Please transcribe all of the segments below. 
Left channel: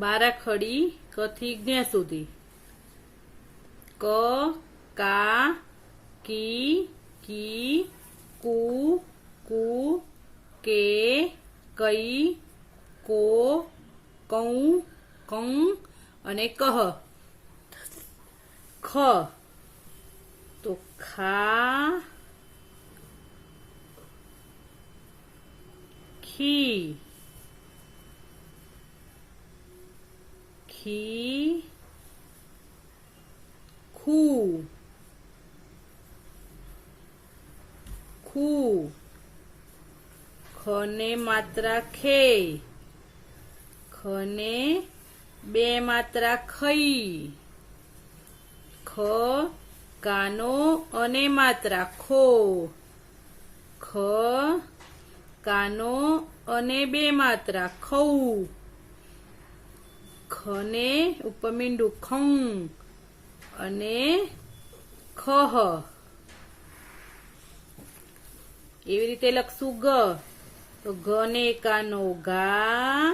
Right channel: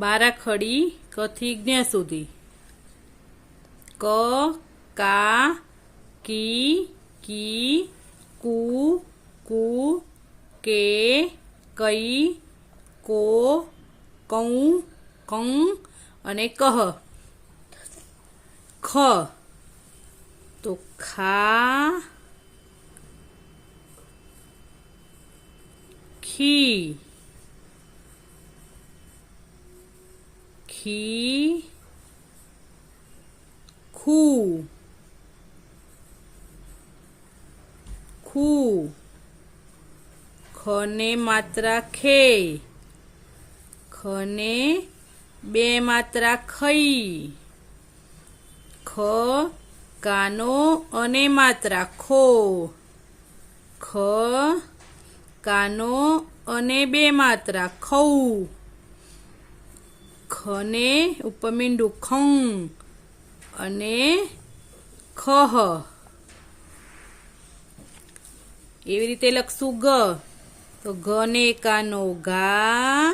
બારાખડી કથી જ્ઞ સુધી ક કા કી કી કુ કુ કે કઈ કો કૌ કં અને કહ ખ તો ખા ખી ખી ખુ ખુ ખને માત્રા ખે ખને બે માત્રા ખઈ ખ કાનો અને માત્રા ખો ખ કાનો અને બે માત્રા ખૌ ખને ઉપમીંડું ખં અને ખહ એવી રીતે લખશું ગ તો ગ ને કાનો ગા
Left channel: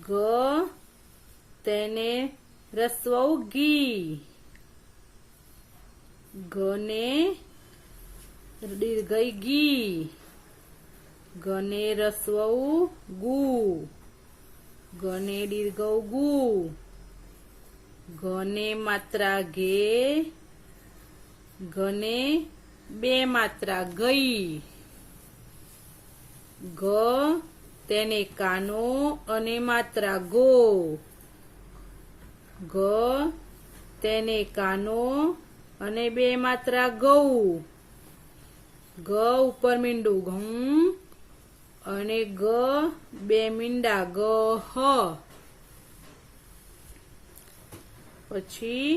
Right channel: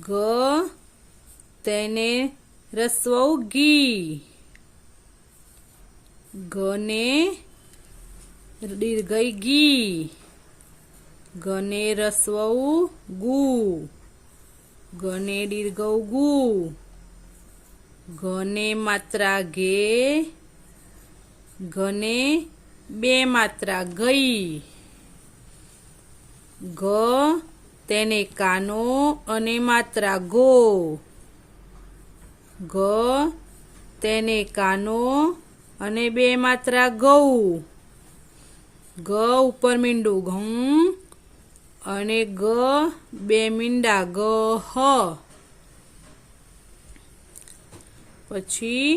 ગ તેને રસ્વઉ ગી ગને દીર્ઘઈ ગી ગને રસ્વઉ ગુ ગને દીર્ઘઉ ગુ ગને માત્રા ગે ગને બે માત્રા ગઈ ગ તેને કાનો અને માત્રા ગો ગ તેને કાનો અને બે માત્રા ગૌ ગ ઉપર મીંડું ઘઉં અને ગ બે મીંડા ગ હ પછી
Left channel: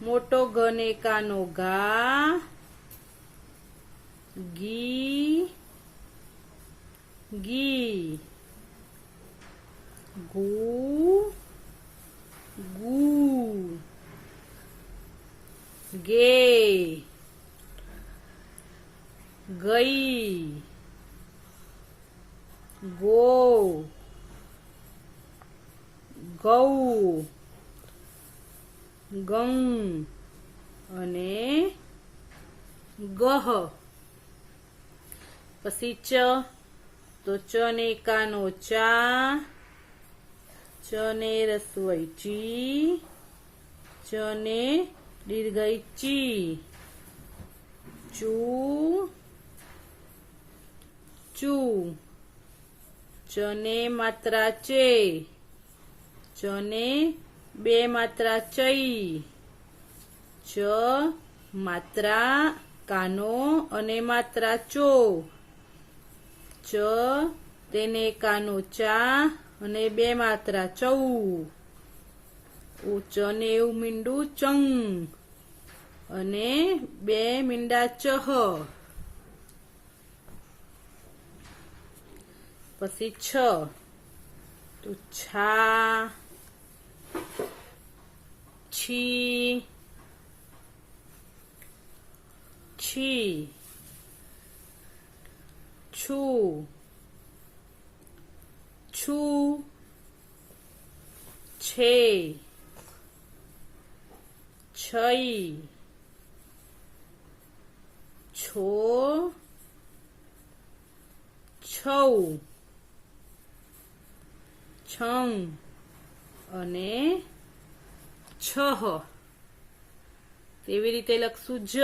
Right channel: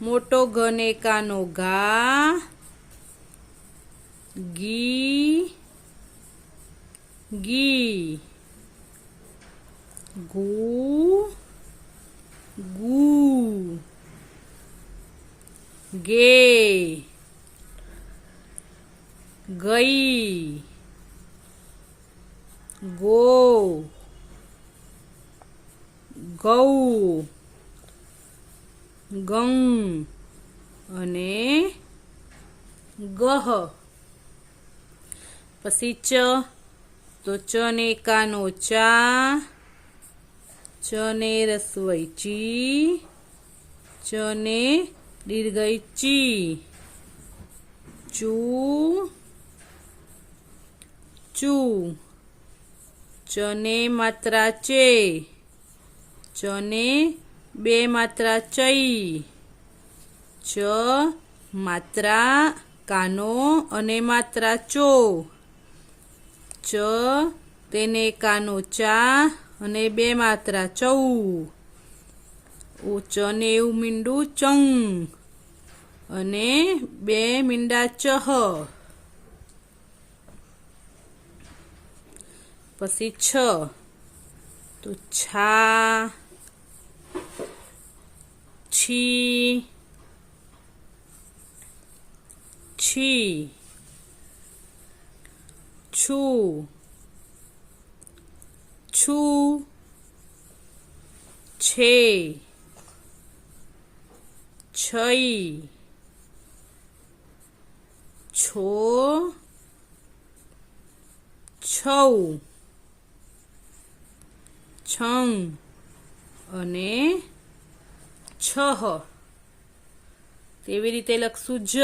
મોટો ગ ને કાનો ગા ગી ગી ગુ ગુ ગે ગઈ ગો ગૌ ગં અને ગહ પછી ચ તો ચ ને કાનો ચા ચ ને રસ્વઈ ચી ચ ને દીર્ઘઈ ચી ચૂ ચૂ ચ ને માત્રા ચે ચ ને બે માત્રા ચઈ ચ માત્રા કાનો અને માત્રા ચો ચ તેને કાનો ચા અને બે માત્રા ચૌ ચ ને એવું મીંડું ચંગ અને બે મીંડા ચહ પછી છ તો છા છી છી છું છું છે છઈ છો છૌ છં અને છહ તેવી રીતે લખશું જ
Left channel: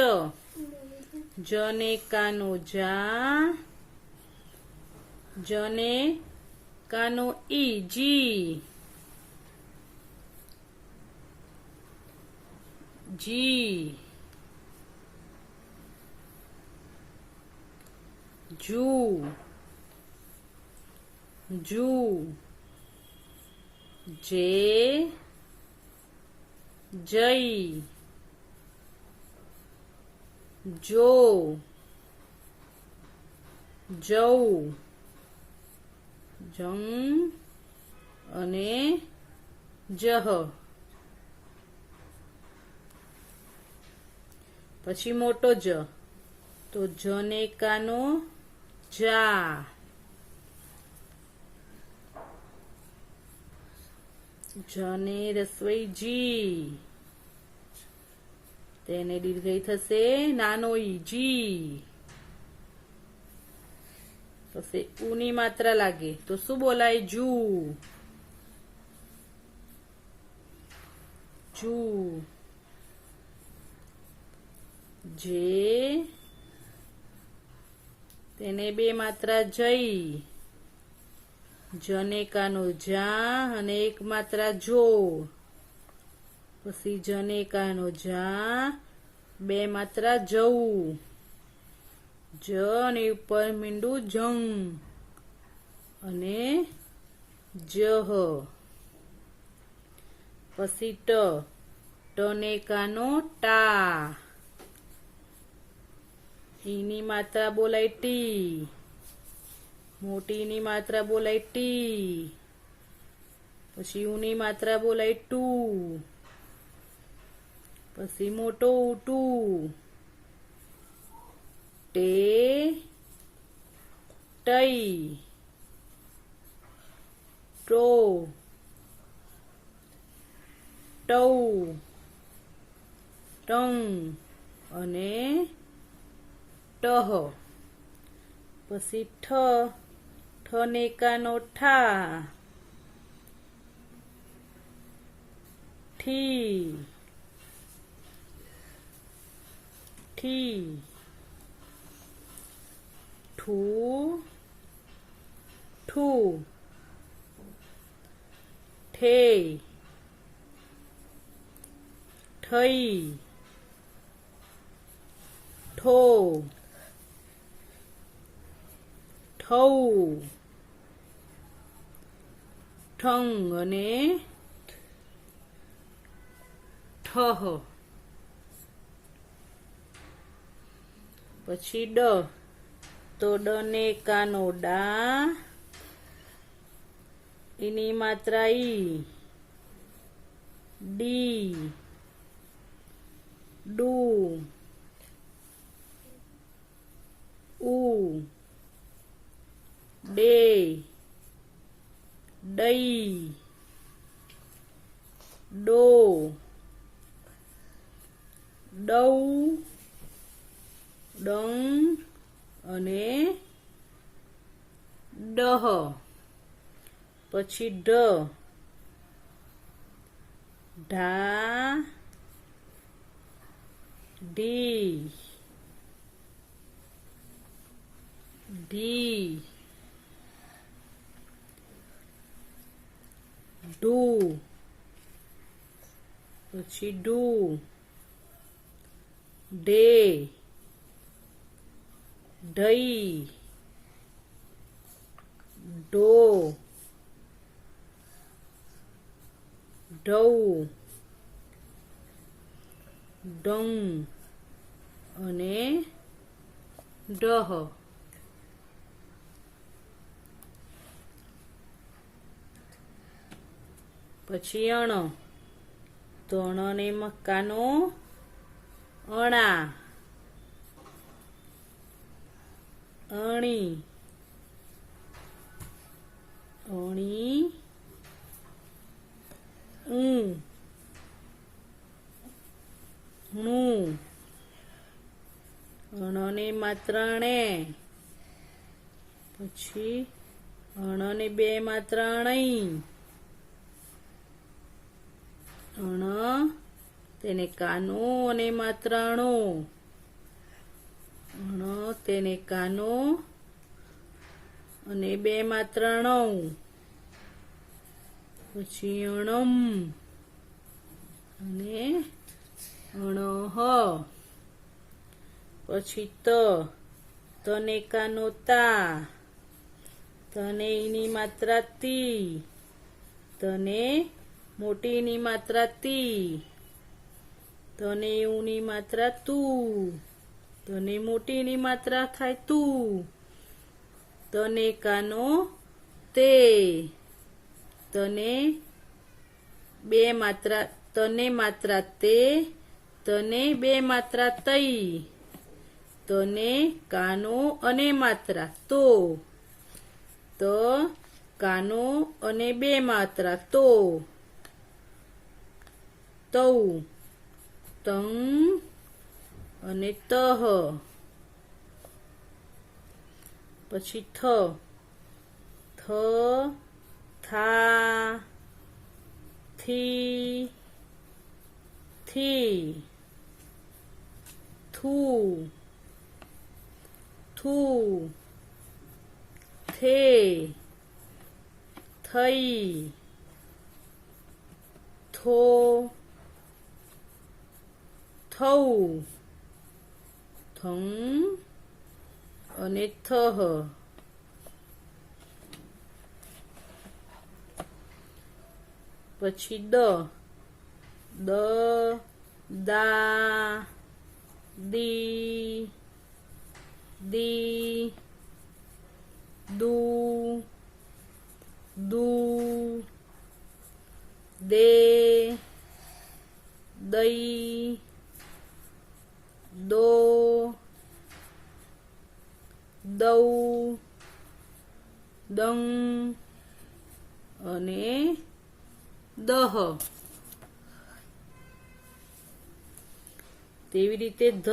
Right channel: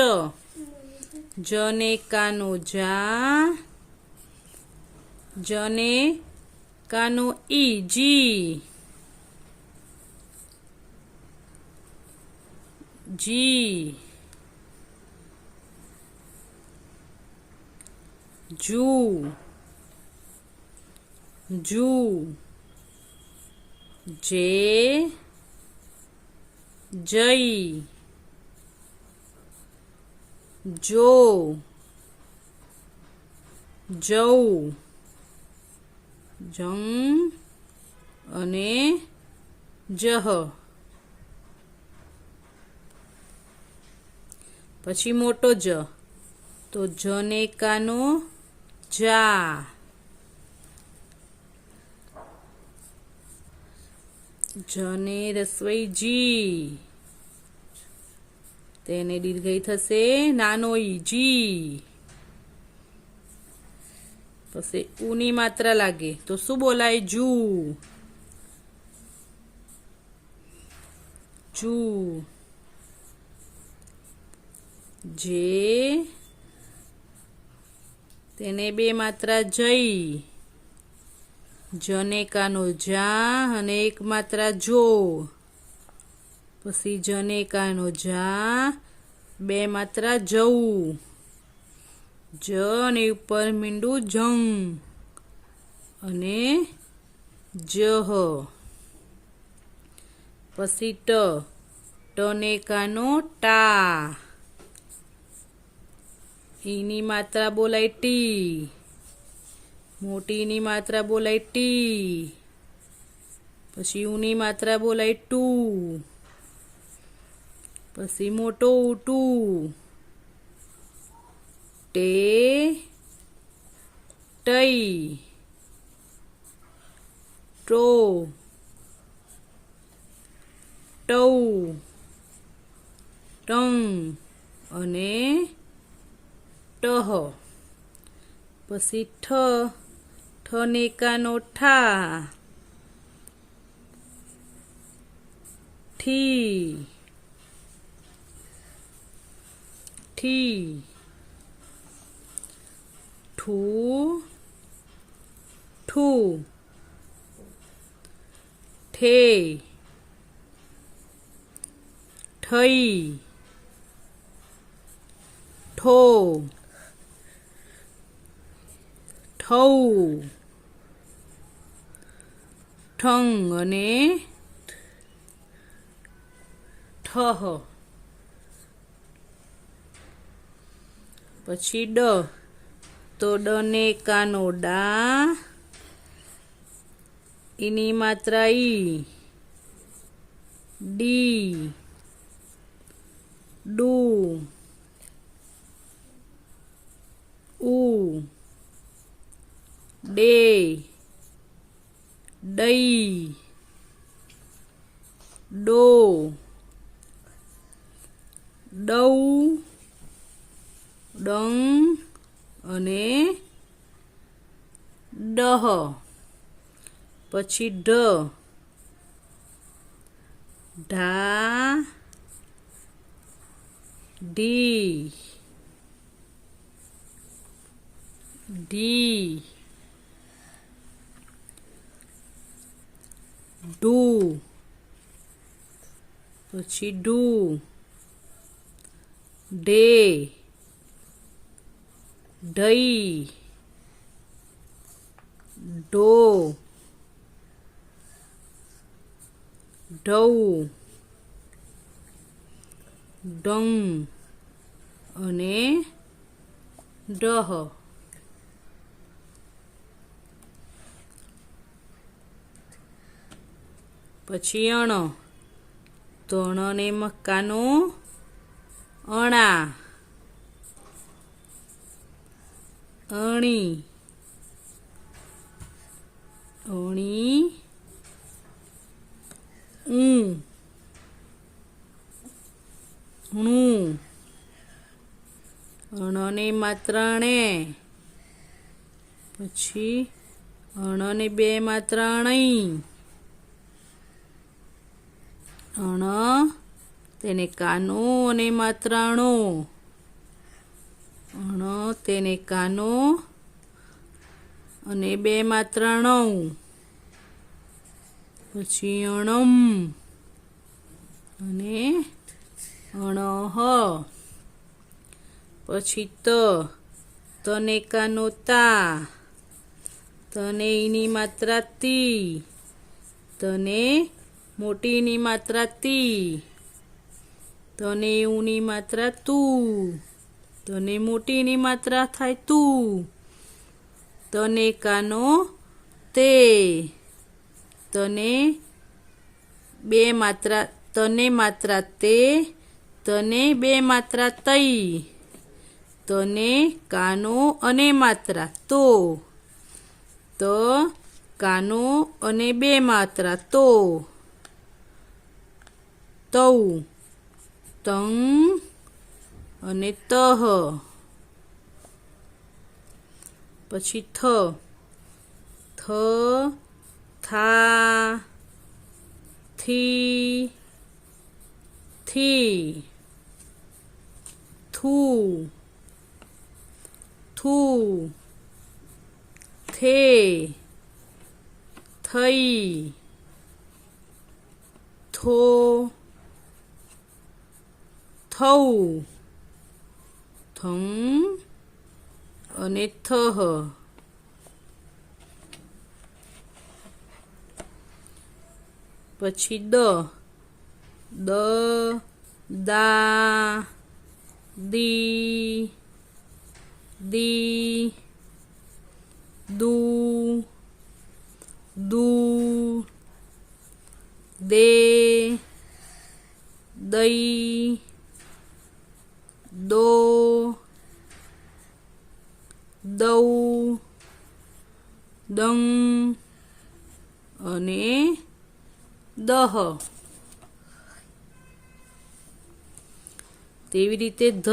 જ ને કાનો જા જ ને કાનો ઈ જી જી જુ જુ જે જઈ જો જૌ જંગ અને જહ પછી મોટો જ તો જ ને કાનો જા જને રસવઈ જી, તેને દીર્ઘઈ થશે નાનો ઈ જી. પછી ઉની માત્રા લાગે તો શું બોલાય? જુ. જુ. જે, તેને બે માત્રા જઈ, જને કાનો જા અને એક માત્રા જો. પછી જને કાનો જા, બે માત્રા જવું, જ ને ઉપર મીંડું જંગ અને જહ. પછી ટ, ટને કાનો ટા, ઈની માત્રા બોલાય ટી, મોટીની માત્રા બોલાય ટી. પછી ઉની માત્રા બોલાય ટુ, પછી મોટો ટુ. ટે, ટઈ, ટો, ટૌ, ટંગ અને ટહ. પછી ઠ, ઠને કાનો ઠા, ઠી, ઠી. ઠું, ઠું, ઠે, ઠઈ, ઠો, ઠૌ, ઠંગ અને ઠહ. પછી ડ, તો ડને કાનો ડા, એની માત્રા ઈ, ડી, ડુ, ઉ, ડે, ડઈ, ડો, ડૌ, ડંગ અને ડહ. પછી ઢ, ઢા, ઢી, ઢી, ઢુ. પછી ઢુ, ઢે, ઢઈ, ઢો, ઢૌ, ડંગ અને ડહ. પછી અણ, તો અણને મક્કાનો અણા, અણી, અણી, ઊં, ણું, અણને માત્રા ણે. પછી અણને બે માત્રા અણઈ, અણ, તેને કાનો અને માત્રા અણો, અણ, તેને કાનો અને બે માત્રા અણઉ. પછી અણમ અને અણહ. પછી ત, તને કાનો તા, તને ઈની માત્રા તી, તને મોટીની માત્રા તી, તને ઉની માત્રા તું, તને મોટીની માત્રા થાય તું. તને કાનો તે, તને બે માત્રા, તને માત્રા તે, તને બે માત્રા તઈ, તને કાનો અને માત્રા તો, ત કાનો અને બે માત્રા તો, તૌ, તં અને તહ. પછી થ, થ, થા, થી, થી, થૂ, થૂ, થે, થઈ, થો, થૌ, થં અને થહ. પછી દ, દ, દા, દી, દી, દૂ, દૂ, દે, દઈ, દો, દૌ, દં અને દહ. તેવી રીતે ધ,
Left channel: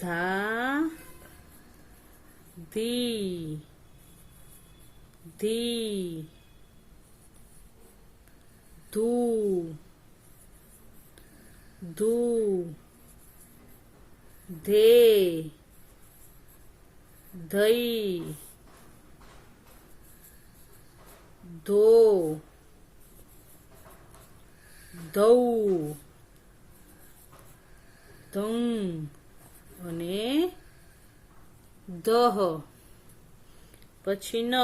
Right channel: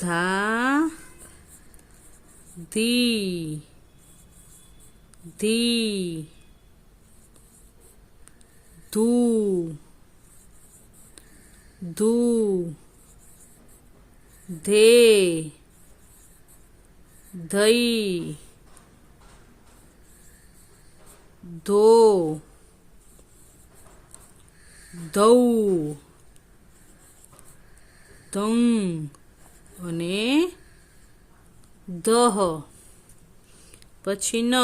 ધા, ધી, ધી, ધૂ, ધૂ, ધે, ધઈ, ધો, ધૌ, ધં અને દહ. પછી ન,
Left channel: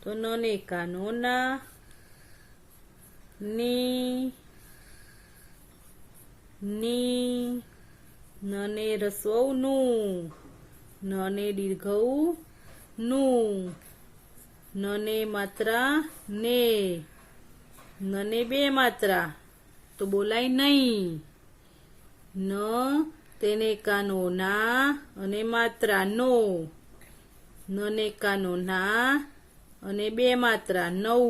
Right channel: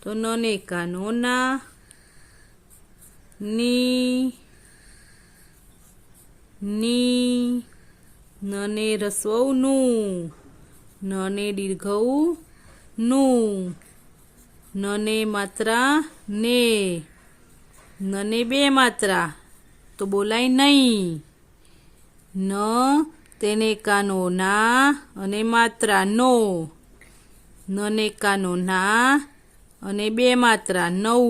તો ન ને કાનો ના, ની, ની, ન ને રસ્વઉ નું, ન ને દીર્ઘઉ નું, ન ને માત્રા ને, ન ને બે માત્રા તો બોલાય નહીં. ન તેને કાનો ના અને માત્રા નો, ન ને કાનો ના અને બે માત્રા નવ,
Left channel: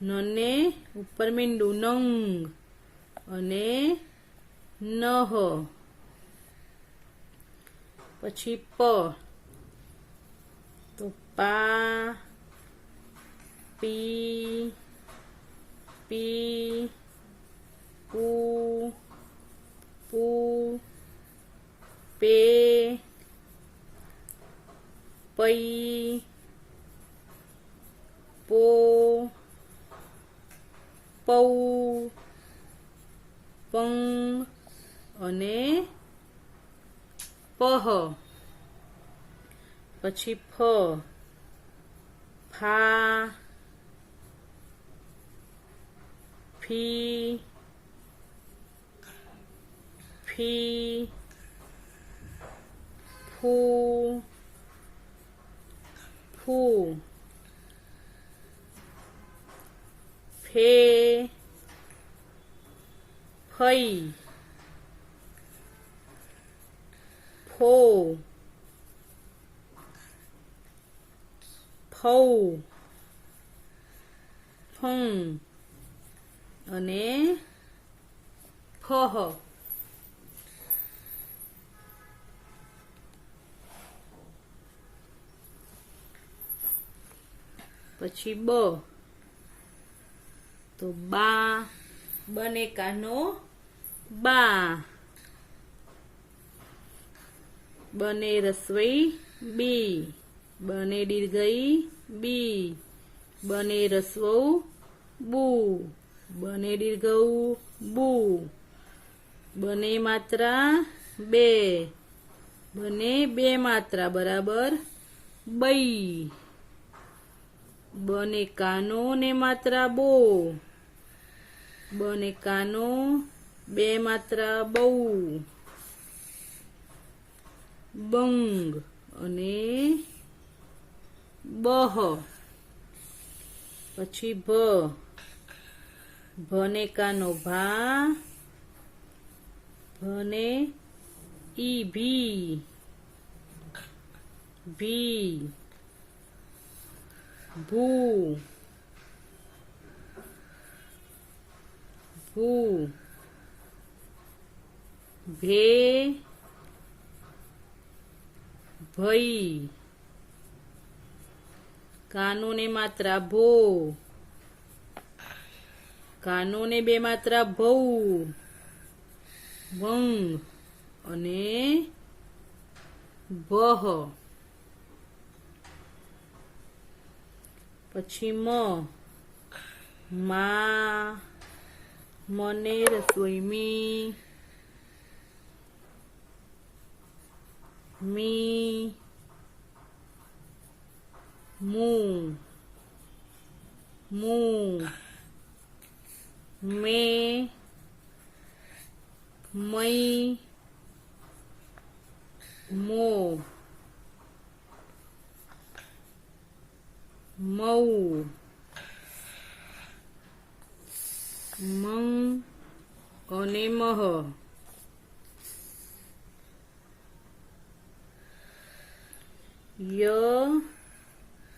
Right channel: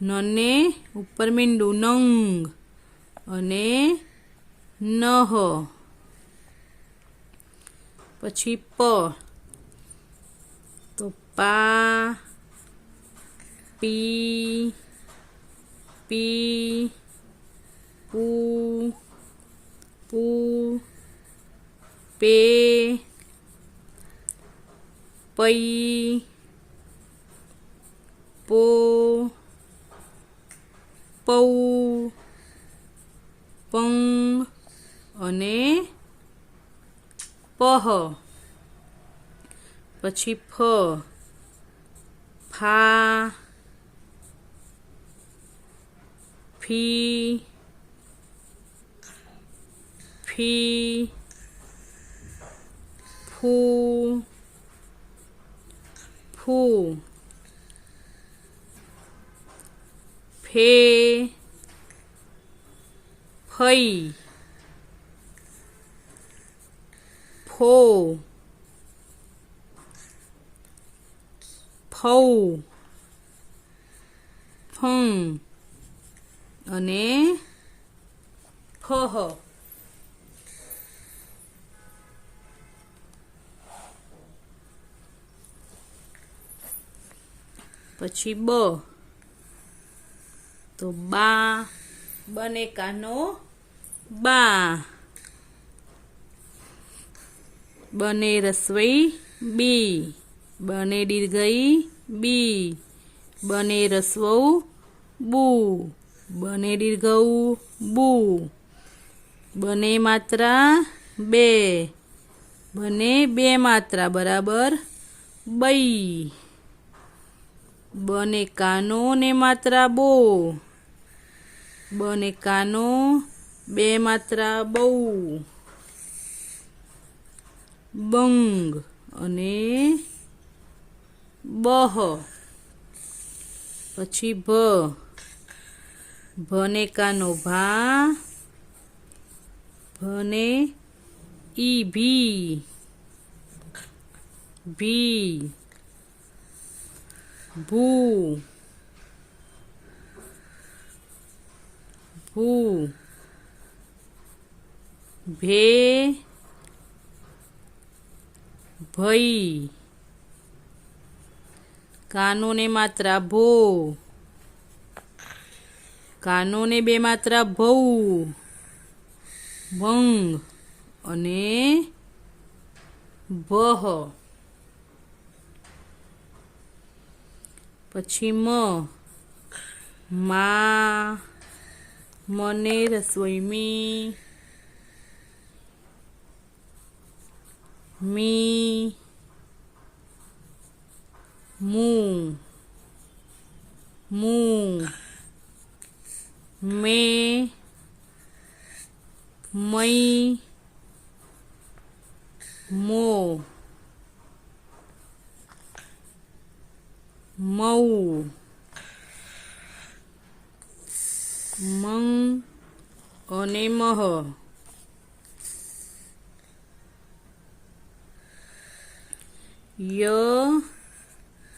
ન ને ઉપર મીંડું નંગ અને નહ. પછી પ, તો પા, પી, પી, પૂ, પૂ, પે, પઈ, પો, પૌ, પંગ અને પહ. પછી ફ, ફા, ફી, ફી, ફૂ, ફૂ, ફે, ફઈ, ફો, ફૌ, ફં અને ફહ. પછી બ, તો બા, બને કાનો બા, બને રસવઈ બી, બને દીર્ઘઈ બી, બને રસ્વઉ બુ, બને દીર્ઘઉ બુ, બને માત્રા બે, બને બે માત્રા બરાબર બઈ, બને કાનો ને માત્રા બો, બને કાનો બે માત્રા બહુ, બંગ અને બહ. પછી ભ, ભને કાનો ભા, ભને ઈ ભી, ભી, ભૂ, હુ ભે ભઈ કાનો ને માત્રા ભો કાનો ને બે માત્રા ભૌ ભંગ અને ભહ પછી મા મને રસોઈ મી મું મે મઈ મો મઉ મં અને મહ ય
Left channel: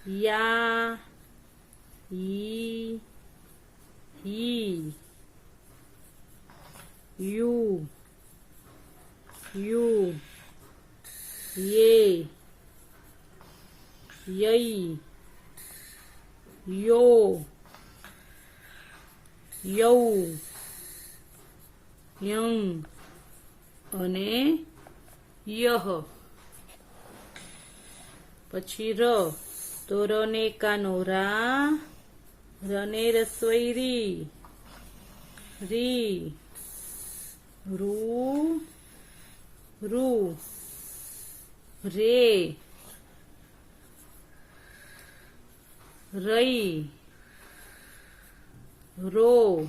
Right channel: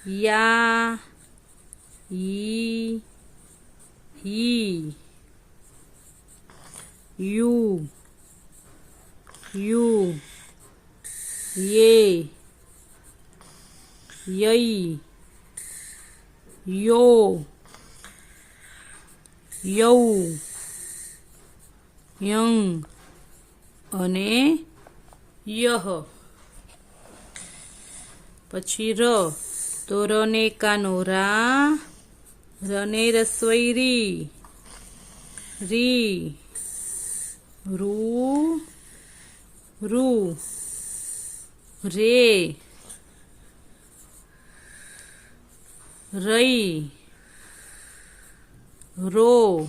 યા ઈ હી યુ યે યઈ યો યૌ યં અને યહ પછી ર તો ર ને કાનો રા ર ને રસોઈ રી રૂ રે રઈ રો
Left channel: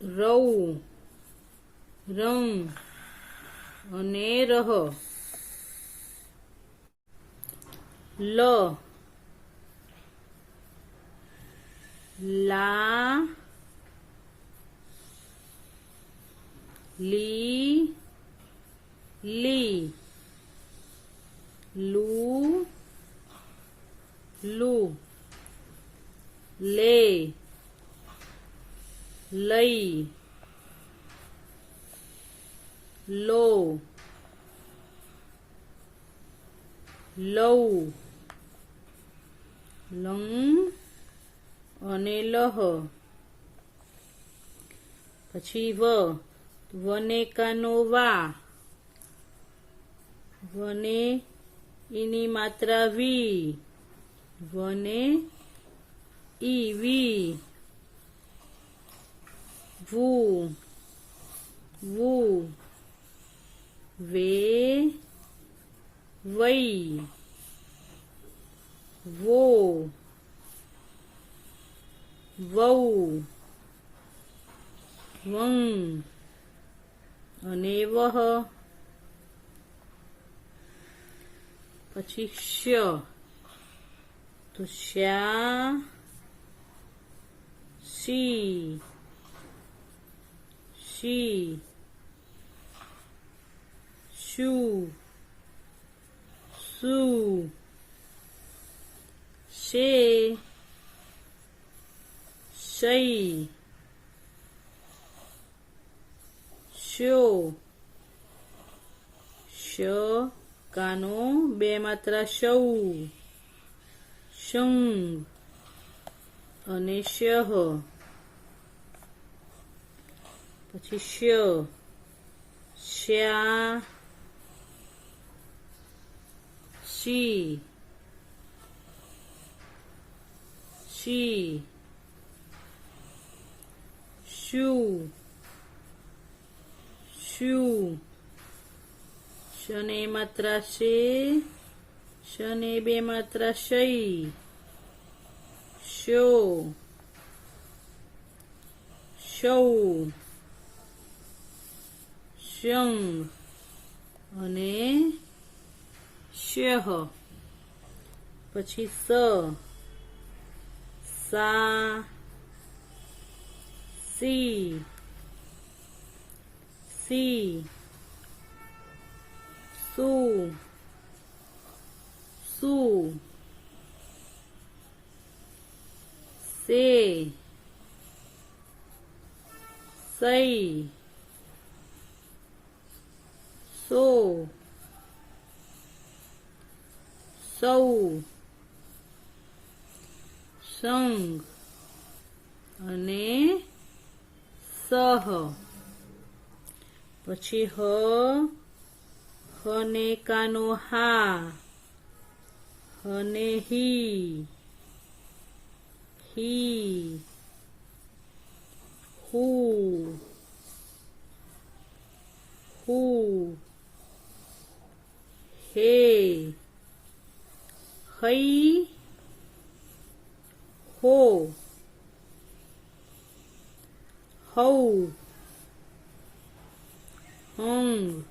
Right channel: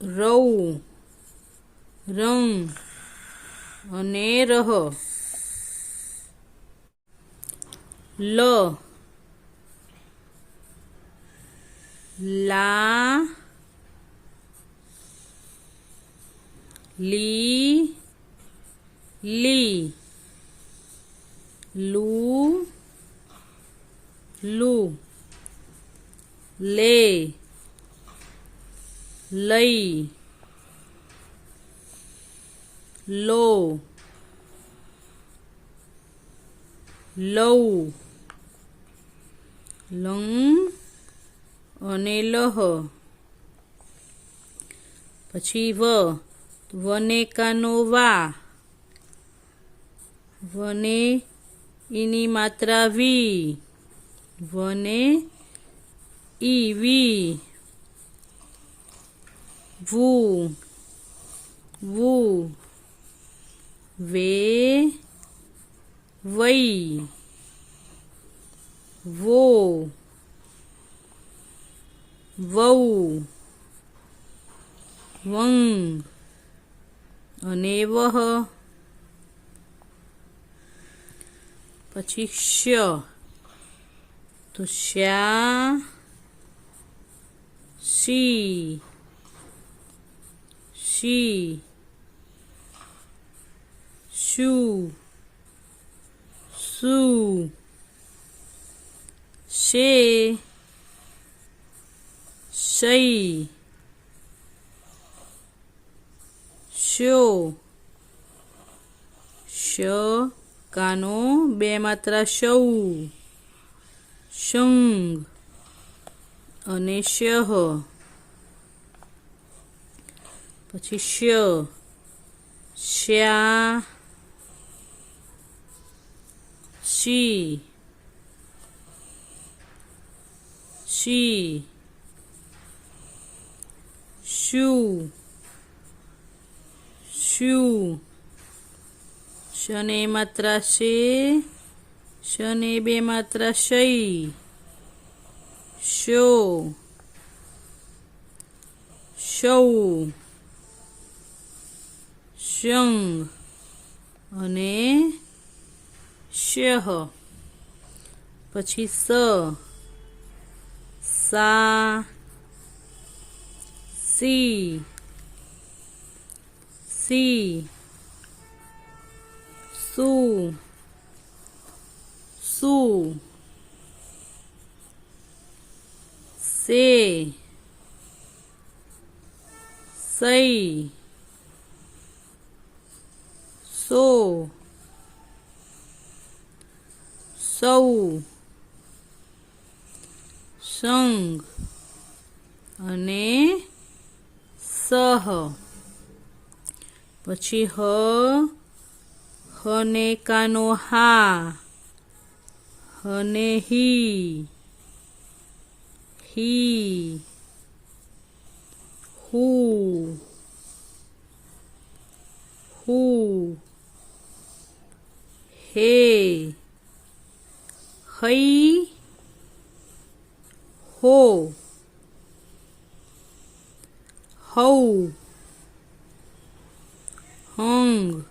રૌ રંગ અને રહ લ લા લી લુ લે લઈ લો લઉ લંગ અને લહ પછી વને કાનો વને એની માત્રા વને વી વુ વે વઈ વો વૌ વંગ અને વહ પછી તો શ્યા શી શું શું શઈ શો શ કાનો બે માત્રા શૌ શંગ અને શહ પછી શ્યા શી શું શને માત્રા શને બે માત્રા શઈ શૌ શંગ અને શહ પછી સા સી શું સે સઈ સો સૌ સંગ અને સહ. પછી હ ને કાનો હા, હ ને હી, હું, હે, હઈ, હો, હૌ, હંગ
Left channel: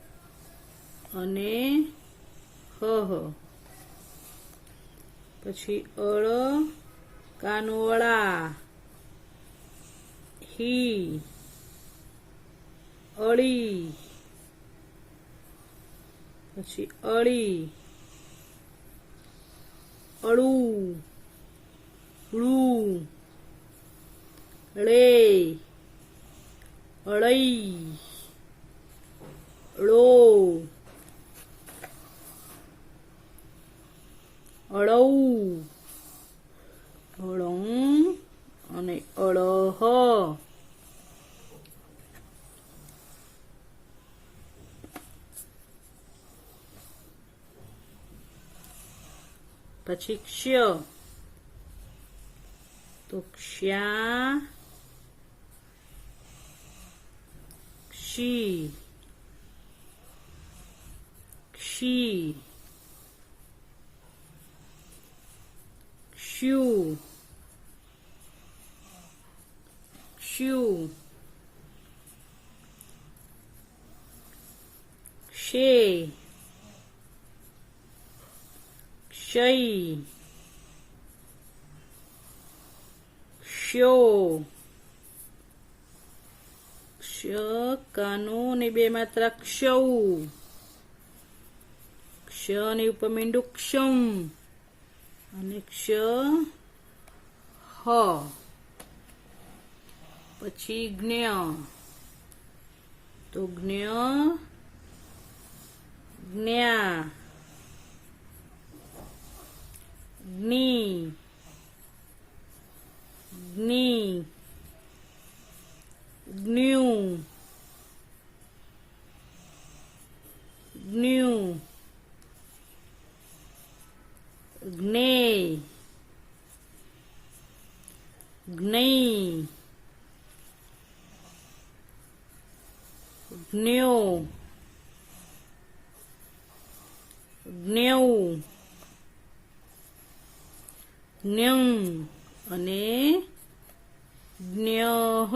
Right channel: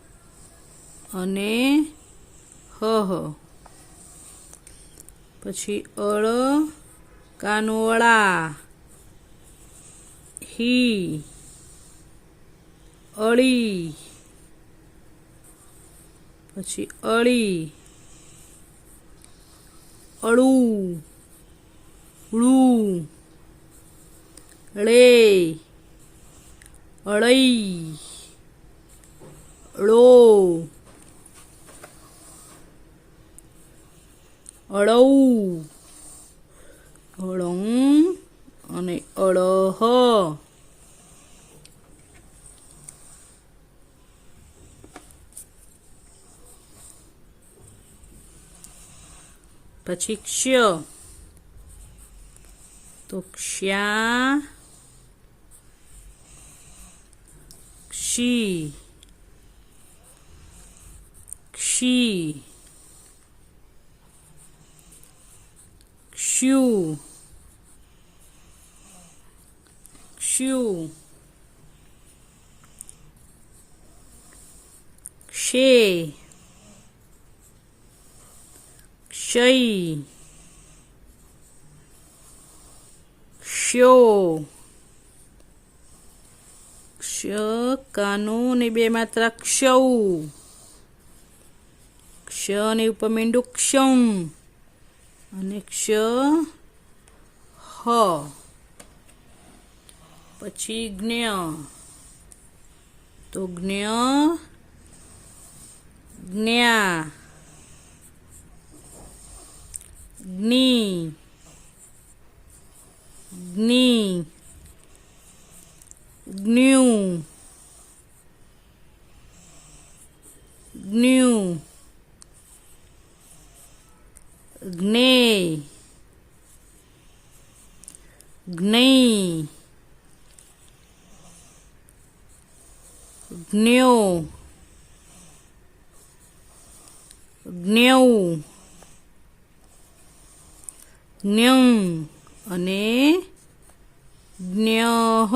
અને હહ. પછી અળ કાનો અળા, હી, અળી, પછી અળી, અળું, ળું, ળે, અળઈ, ળો, અળઉ, અળઉં અને અળહ. પછી ક્ષ તો ક્ષા, ક્ષી, ક્ષી, ક્ષુ, ક્ષુ, ક્ષે, ક્ષય, ક્ષયો. ક્ષ કાનો ને બે માત્રા ક્ષૌ, ક્ષ ને ઉપર મીંડું ક્ષમ અને ક્ષ હ. પછી જ્ઞ તો જ્ઞ, જ્ઞા, જ્ઞી, જ્ઞી, જ્ઞું, જ્ઞું, જ્ઞેય, જ્ઞેય, જ્ઞ્યો, જ્ઞૌ, જ્ઞં અને જ્ઞહ.